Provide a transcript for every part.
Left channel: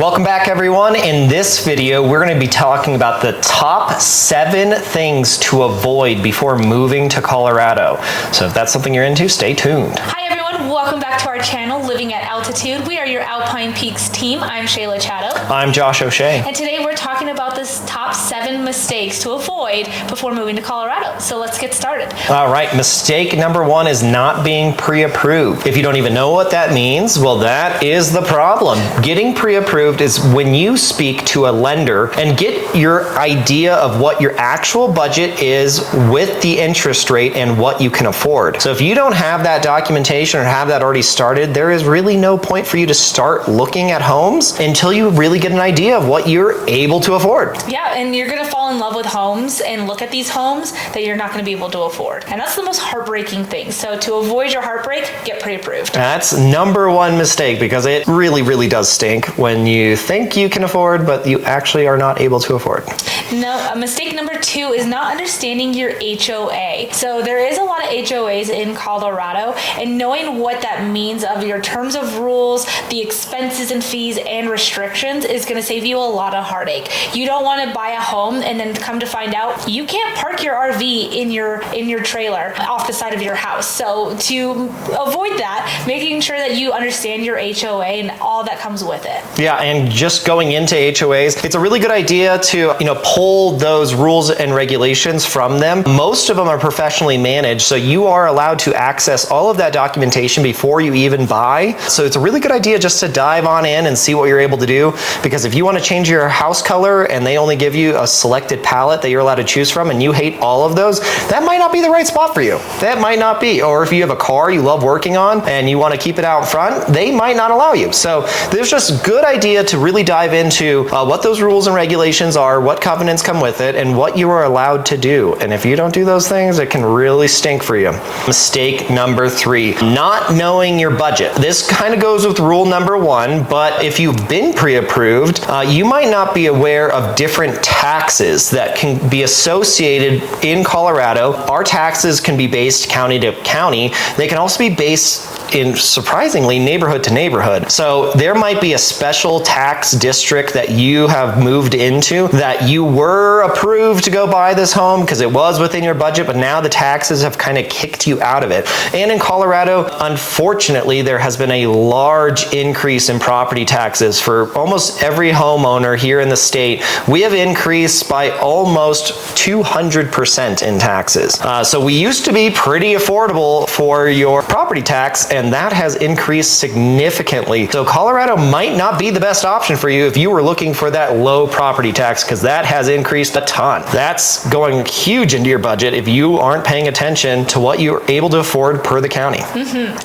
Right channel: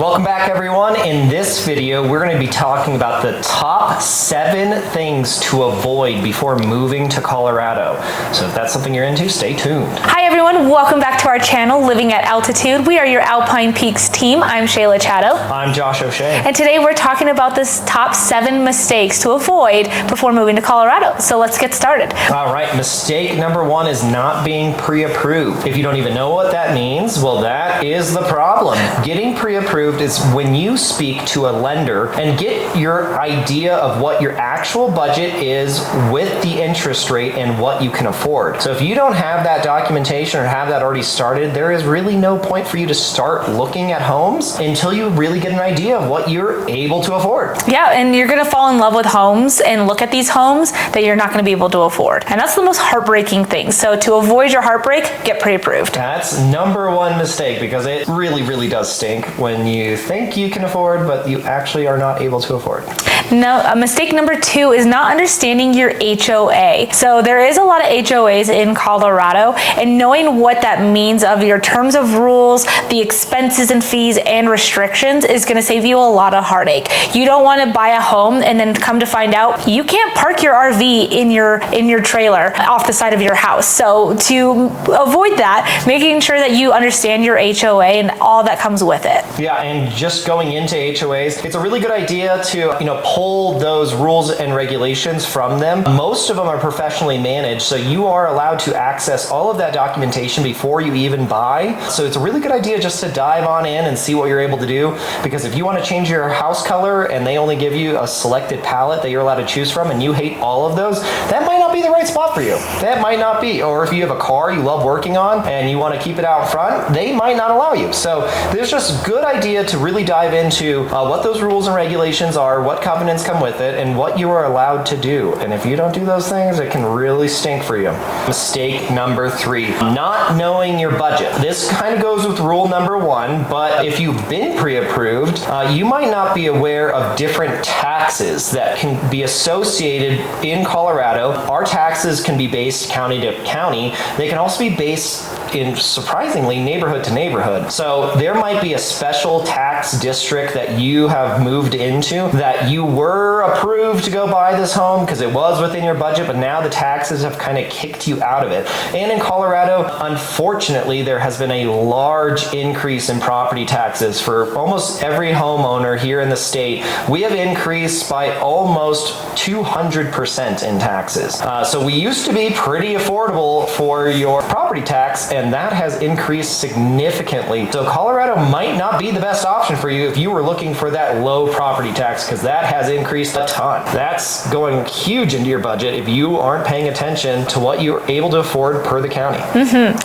Welcome back, everyone. In this video, we're going to be talking about the top 7 things to avoid before moving to Colorado. So if that's something you're into, stay tuned. Hi everyone, welcome back to our channel, Living at Altitude. We are your Alpine Peaks team. I'm Shayla Chatto. I'm Josh O'Shea. And today we're talking about this top 7 mistakes to avoid before moving to Colorado. So let's get started. All right, mistake number 1 is not being pre-approved. If you don't even know what that means, well, that is the problem. Getting pre-approved is when you speak to a lender and get your idea of what your actual budget is with the interest rate and what you can afford. So if you don't have that documentation or have that already started, there is really no point for you to start looking at homes until you really get an idea of what you're able to afford. Yeah, and you're gonna fall in love with homes and look at these homes that you're not gonna be able to afford. And that's the most heartbreaking thing. So to avoid your heartbreak, get pre-approved. That's number 1 mistake, because it really does stink when you think you can afford, but you actually are not able to afford. No, mistake number 2 is not understanding your HOA. So there is a lot of HOAs in Colorado, and knowing what that means of your terms of rules, the expenses and fees and restrictions is gonna save you a lot of heartache. You don't wanna buy a home and then come to find out you can't park your RV in your trailer off the side of your house. So to avoid that, making sure that you understand your HOA and all that comes with it. Yeah, and just going into HOAs, it's a really good idea to, pull those rules and regulations from them. Most of them are professionally managed, so you are allowed to access all of that documentation before you even buy. So it's a really good idea just to dive on in and see what you're able to do, because if you want to change your house color and they only give you a selected palette that you're allowed to choose from and you hate all of those, that might not be the right spot for you. That might not be. Or if you have a car you love working on and you want to keep it out front, they might not allow you. So there's just good idea to really dive into what those rules and regulations are, what covenants come with it, and what you are allowed to do. And if you don't do those things, it can really stink for you. Mistake number 3, not knowing your budget. This kind of goes with rule number 1, but if you've been pre-approved, you might not be aware of different taxes that can be associated in Colorado. Our taxes can be based county to county. They can also be based in, surprisingly, neighborhood to neighborhood. So there might be a special tax district that you have moved into that you were approved to go buy this home because it was within your budget, but now the taxes have kind of kicked you out of it. And in Colorado, unfortunately, there has been a large increase in property taxes for almost every homeowner here in the state. We have increased by almost 200% in taxes. So we used to be pretty affordable for your property tax, and that has increased significantly. So Colorado might not be the best option for you if you were looking for that low property tax, because that has increased a ton. That's going huge into your budget if you aren't paying attention to what you're able to afford per the county.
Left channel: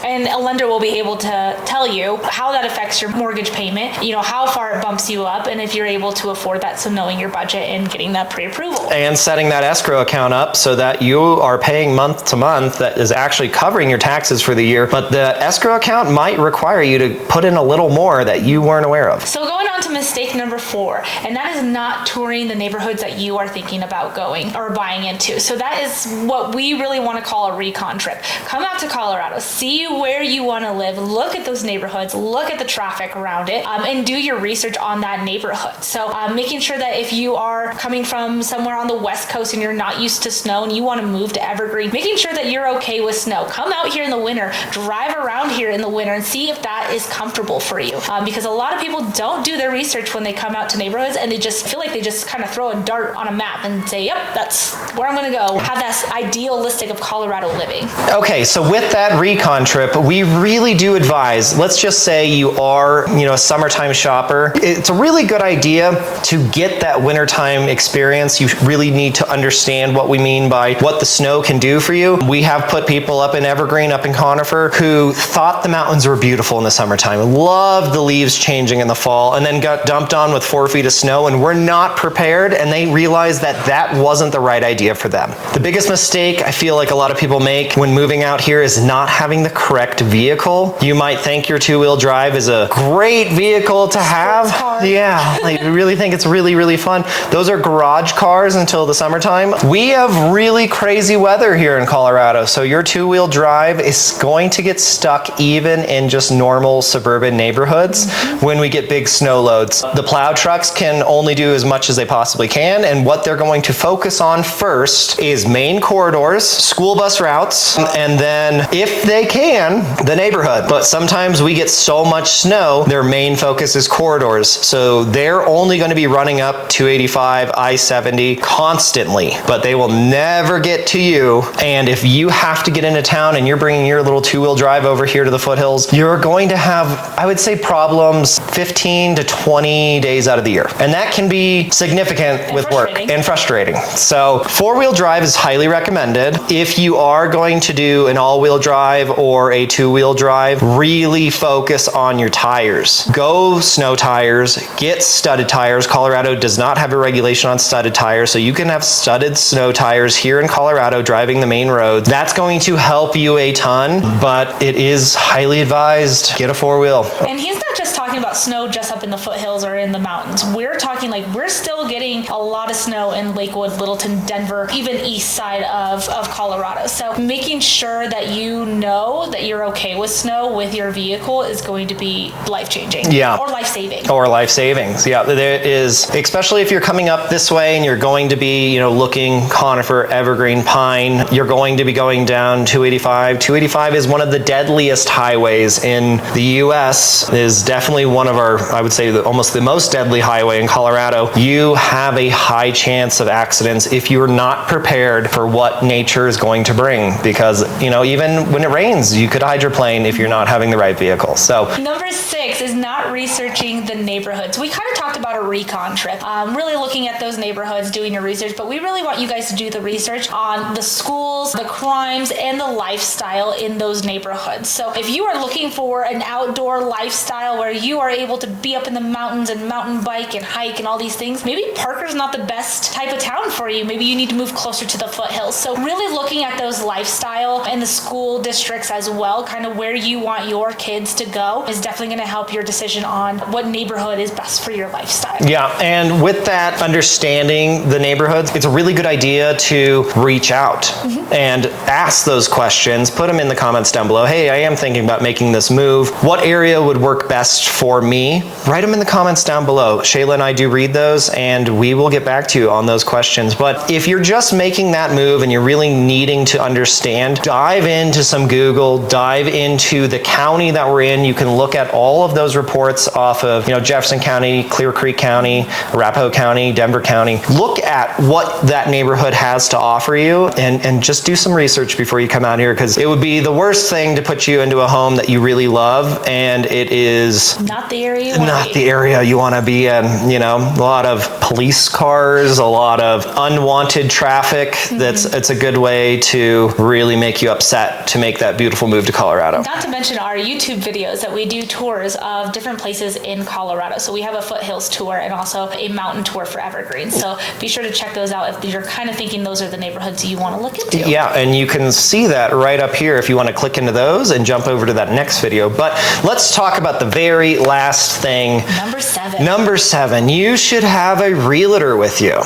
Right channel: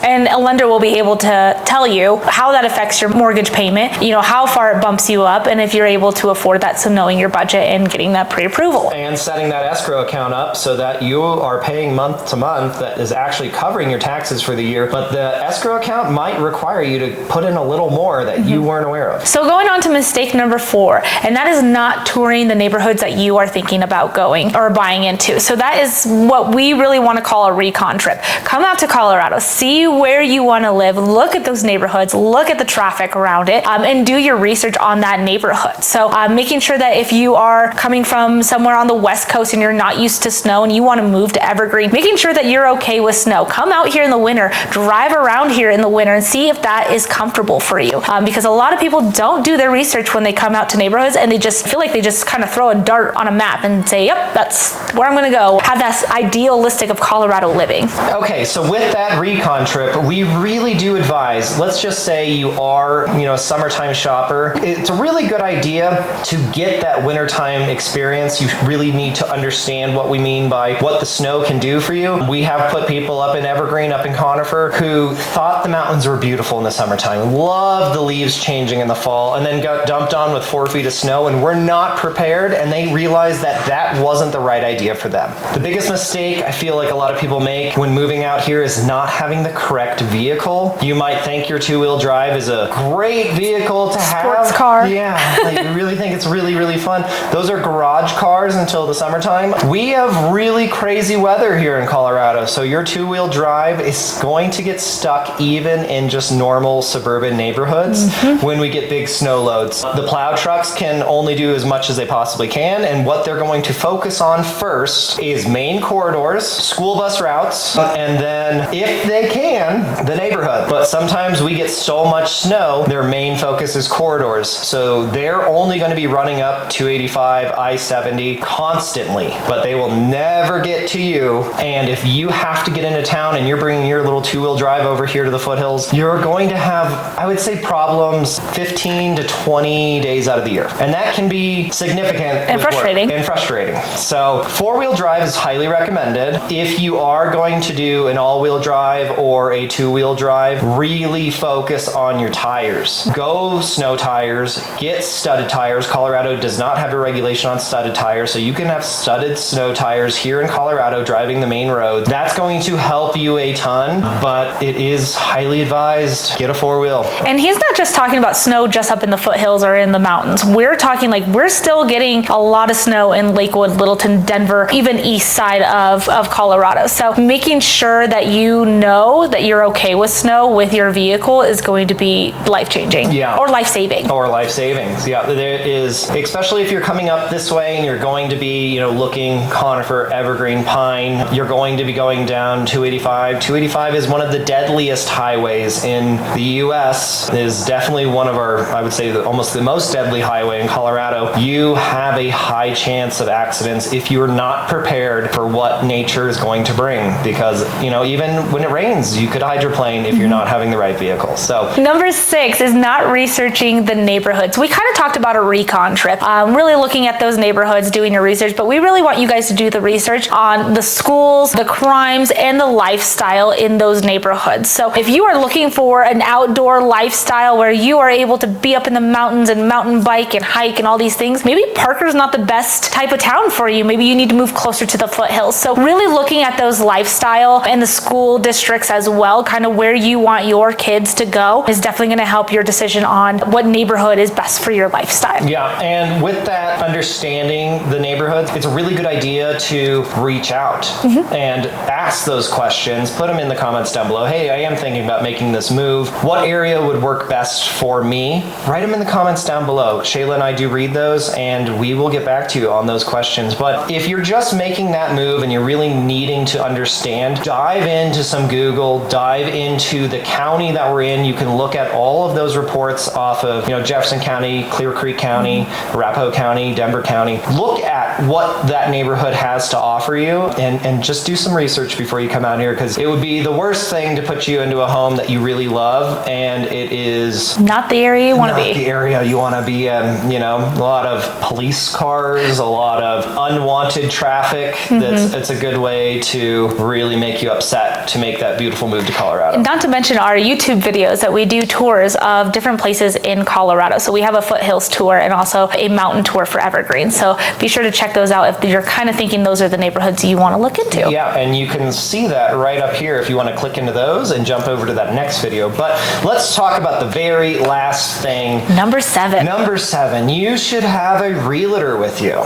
And a lender will be able to tell you how that affects your mortgage payment, how far it bumps you up, and if you're able to afford that. So knowing your budget and getting that pre-approval. And setting that escrow account up so that you are paying month to month that is actually covering your taxes for the year, but the escrow account might require you to put in a little more that you weren't aware of. So going on to mistake number 4, and that is not touring the neighborhoods that you are thinking about going or buying into. So that is what we really want to call a recon trip. Come out to Colorado, see where you want to live, look at those neighborhoods, look at the traffic around it, and do your research on that neighborhood. So making sure that if you are coming from somewhere on the West Coast and you're not used to snow and you want to move to Evergreen, making sure that you're okay with snow. Come out here in the winter, drive around here in the winter and see if that is comfortable for you. Because a lot of people don't do their research when they come out to neighborhoods, and they just feel like they just kind of throw a dart on a map and say, yep, that's where I'm going to go. Have that idealistic of Colorado living. Okay, so with that recon trip, we really do advise, let's just say you are, a summertime shopper. It's a really good idea to get that wintertime experience. You really need to understand what we mean by what the snow can do for you. We have put people up in Evergreen, up in Conifer, who thought the mountains were beautiful in the summertime, loved the leaves changing in the fall, and then got dumped on with 4 feet of snow and were not prepared, and they realized that that wasn't the right idea for them. The biggest mistake I feel like a lot of people make when moving out here is not having the correct vehicle. You might think your 2-wheel drive is a great vehicle to have. Sports car. Yeah, like we really think it's really fun. Those are garage cars until the summertime. We have really crazy weather here in Colorado, so your 2-wheel drive is going to get stuck even in just normal suburban neighborhoods when we get big snow loads. The plow trucks can only do as much as they possibly can, and what they're going to focus on first is main corridors, school bus routes, and then, if they can, the neighborhood. But sometimes we get so much snow, their main focus is corridors. So they're only going to be running up 285, I-70 constantly, but they will never get to you. And if you have to get into town and you're bringing your little two-wheel drive over here to the foothills, you're going to have, I would say, problems 15 to 20 days out of the year. And that can be significant with work and frustrating. So four-wheel drive is highly recommended. If you are going to do an all-wheel drive or a two-wheel drive, really focus on your tires. Go snow tires, get studded tires. Colorado does not have a regulation on studded tires, so you can have studded snow tires here in Colorado driving the main roads. That's going to help you a ton, but it is highly advised, get a four-wheel. And he's not just talking about snow just up in the foothills or in the mountains. We're talking like we're still getting a lot of snow in Lakewood, Littleton, Denver, even east side of Colorado. So making sure that you know that you're okay with snow with your vehicle is going to be life-changing. Yeah. Or life-saving. Or life savings. Yeah, there is, especially if you're coming up this way and you're going to be, looking conifer, evergreen, pine, you're going to be going down 285. 285 is one of the deadliest highways in the U.S. It is definitely one of our, I would say, almost the most deadly highway in Colorado. You have a high chance of accidents if you are not prepared for what nature is going to bring, because, even when it rains, you could hydroplane if you're not having the right vehicle. So number 6 is not researching the neighborhoods. We kind of talked about a recon trip, really looking at those neighborhoods, doing your research, but we really want you guys to do the research on the schools, the crimes, and the lifestyle in those neighborhoods. So if you are looking for an outdoor lifestyle where you are able to be up in the mountains and mountain bike and hike and all these things, maybe Parker's not the best type of town for you. Maybe you need to move closer to the foothills. So really looking at those lifestyle and the school districts as well, kind of where you want your kids to go, is definitely going to help your decision on what neighborhood is best for your lifestyle. Yeah, and with that, understanding the neighborhoods, it's a really good idea to reach out and ask those questions. Put them in the comments down below. Hey, I am thinking about making this move. What area would work best for me? Write them in the comments down below. Shayla and I do read those, and we will get back to you on those questions. But if you're just making that move and you're really needing to understand, dive into some Google, dive into the county that we're in. You can look at all of those reports off of, Jefferson County, Clear Creek County, Arapahoe County, Denver County. Look at what that neighborhood has to offer you, and just do some research before you come out here, because it would be the worst thing to put you into a home that you really love and it is not the area you want to be. Not the area you want to be in. A lot of police cars, a lot of unwanted traffic. It's a good way to really make you upset to make that beautiful move to Colorado. Not to mention our YouTube videos that we do tours of different places in Colorado. So we have a foothills tour and also a mountain tour for Evergreen. So be sure to check those out if you're kind of thinking those are the neighborhoods you want to look into. Yeah, and you can see that right up here if you want to click into those and jump over to that next video. But let's talk about the very last thing. Number 7. Number 7, you should have a realtor with you.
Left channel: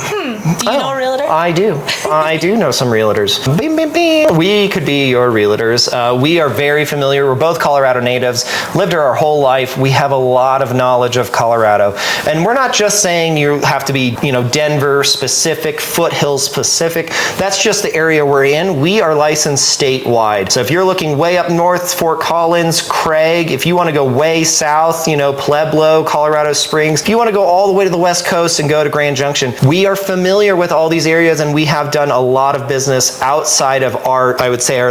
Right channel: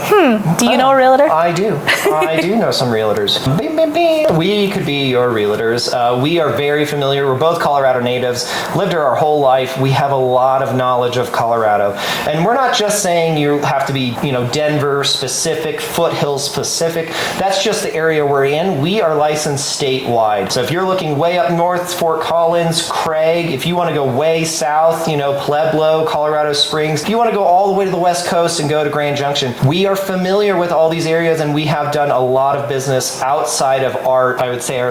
Do you know a realtor? I do. I do know some realtors. Bing, bing, bing. We could be your realtors. We are very familiar. We're both Colorado natives, lived here our whole life. We have a lot of knowledge of Colorado. And we're not just saying you have to be, Denver specific, foothills specific. That's just the area we're in. We are licensed statewide. So if you're looking way up north, Fort Collins, Craig, if you want to go way south, Pueblo, Colorado Springs, if you want to go all the way to the West Coast and go to Grand Junction, we are familiar with all these areas, and we have done a lot of business outside of our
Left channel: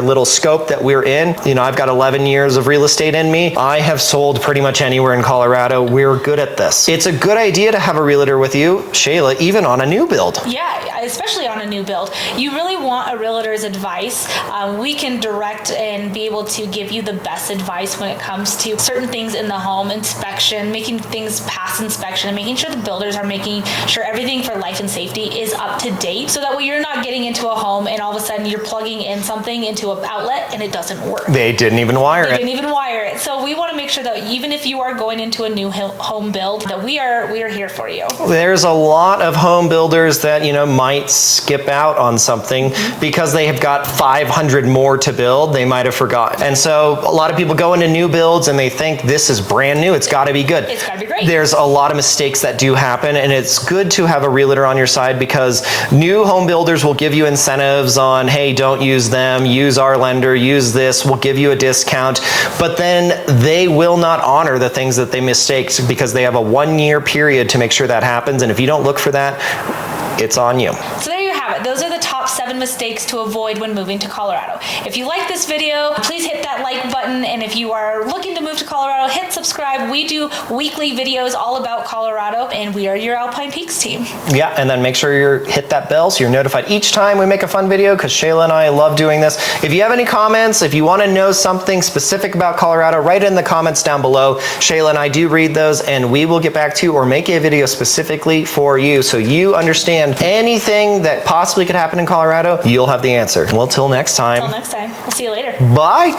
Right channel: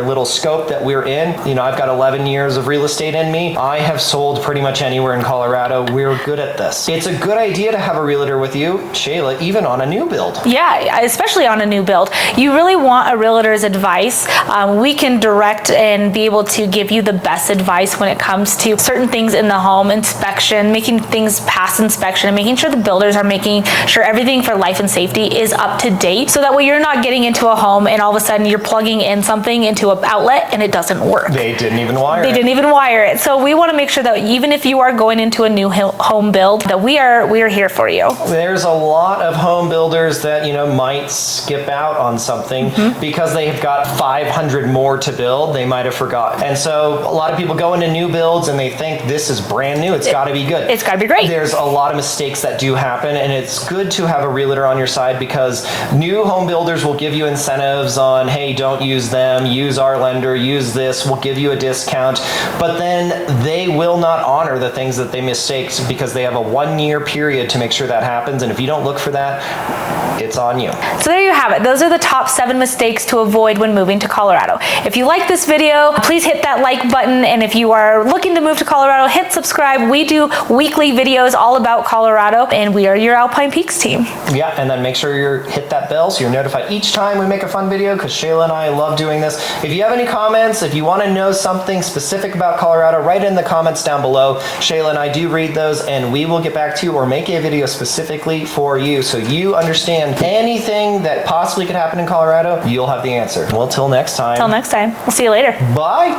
little scope that we're in. I've got 11 years of real estate in me. I have sold pretty much anywhere in Colorado. We're good at this. It's a good idea to have a realtor with you, Shayla, even on a new build. Yeah, especially on a new build. You really want a realtor's advice. We can direct and be able to give you the best advice when it comes to certain things in the home, inspection, making things pass inspection, and making sure the builders are making sure everything for life and safety is up to date, so that way you're not getting into a home and all of a sudden you're plugging in something into an outlet and it doesn't work. They didn't even wire it. So we want to make sure that even if you are going into a new home build, that we are here for you. There's a lot of home builders that, might skip out on something because they have got 500 more to build. They might have forgotten And so a lot of people go into new builds and they think this is brand new. It's got to be good. It's got to be great. There's a lot of mistakes that do happen, and it's good to have a realtor on your side because new home builders will give you incentives on, hey, don't use them, use our lender, use this, we'll give you a discount. But then they will not honor the things that they mistaked because they have a 1-year period to make sure that happens. And if you don't look for that, it's on you. So there you have it. Those are the top 7 mistakes to avoid when moving to Colorado. If you like this video, please hit that like button. And if you are looking to move to Colorado, hit subscribe. We do weekly videos all about Colorado, and we are your Alpine Peaks team. Yeah, and then make sure you hit that bell so you're notified each time we make a fun video, because Shayla and I love doing this. If you have any comments, if you want to know something specific about Colorado, write in the comments down below. Shayla and I do read those, and we will get back to you or make a video specifically for you so you understand anything that possibly could happen in Colorado. You'll have the answer. Well, till next time. Till next time. We'll see you later. Bye.